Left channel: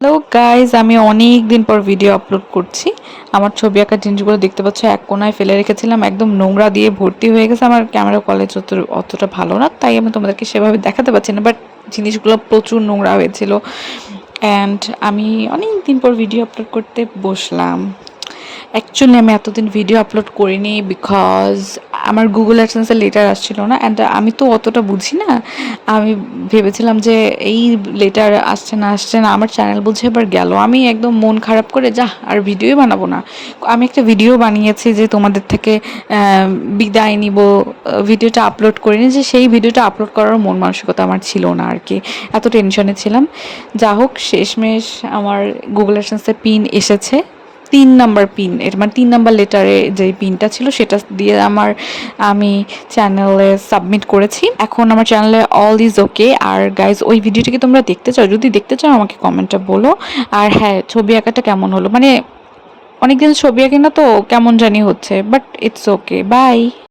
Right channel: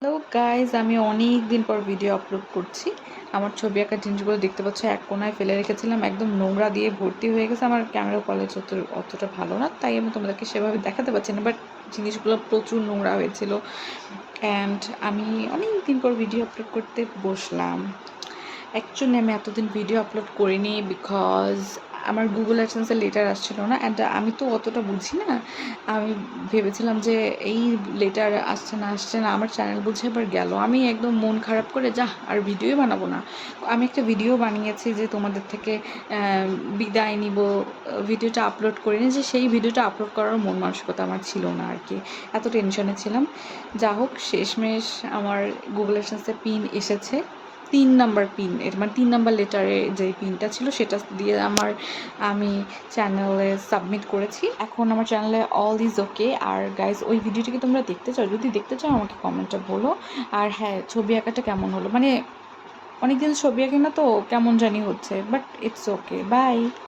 Hello guys, আমি অনেক দিন পর ভিডিও আপলোড করছি। আমার ছবি আঁকার জিনিসগুলো দেখতে পাচ্ছ, এক কোনায় ফেলে রেখেছিলাম, একদম নোংরা দিয়ে ভর্তি হয়ে গেছে। আমার ক্যামেরা কোয়ালিটি অতটা ভালো না, তাই আমি তোমাদেরকে সেভাবে দেখাতে পারছি না, বাট জিনিসগুলো প্রচুর নোংরা হয়েছিল। অ্যান্ড আমি অনেক দিন পর ভিডিও আপলোড করতে বসলাম। অ্যাকচুয়ালি আমি এতদিন ভিডিও আপলোড করিনি বিকজ আমার গুগল অ্যাডসেন্সের লেটার আসছিল না, অ্যান্ড আমি তো অতটা বুঝি না। আমি ভেবেছিলাম যে এই লেটার আসছে না, আমার চ্যানেল বুঝে এবার গেল। আমি একদম মন খারাপ করে আর ভিডিওই বানাবো না। আমি একটা ভিডিও বানিয়েছি যে তোমাদের থেকে বিদায় নিব, ভিডিওটা আপলোড করিনি, যে সেই ভিডিওটা আপলোড করার মন মানসিকতা আমার ছিল না আর কি, এত টেনশনে ছিলাম। যা হোক, শেষমেশ আমার গুগল অ্যাডসেন্সের পিন এসেছে। 3 নাম্বার পিন, এর মানে 3 নাম্বার লেটারে যে পিনটা ছিল সেটা দিয়ে আমি চ্যানেলে সাবমিট করেছি। এখন আমার চ্যানেলে অল ইজ ওকে। আর গাইজ, ওই ভিডিওটা কি তোমরা দেখতে চাও? যদি দেখতে চাও আমাকে কমেন্টে বলো। আর হ্যাঁ, ছবি আঁকাটা কেমন হলো, মানে অনেকদিন ছবি আঁকি না তো কেমন জানি হচ্ছে, বাট ইটস ওকে। বাই।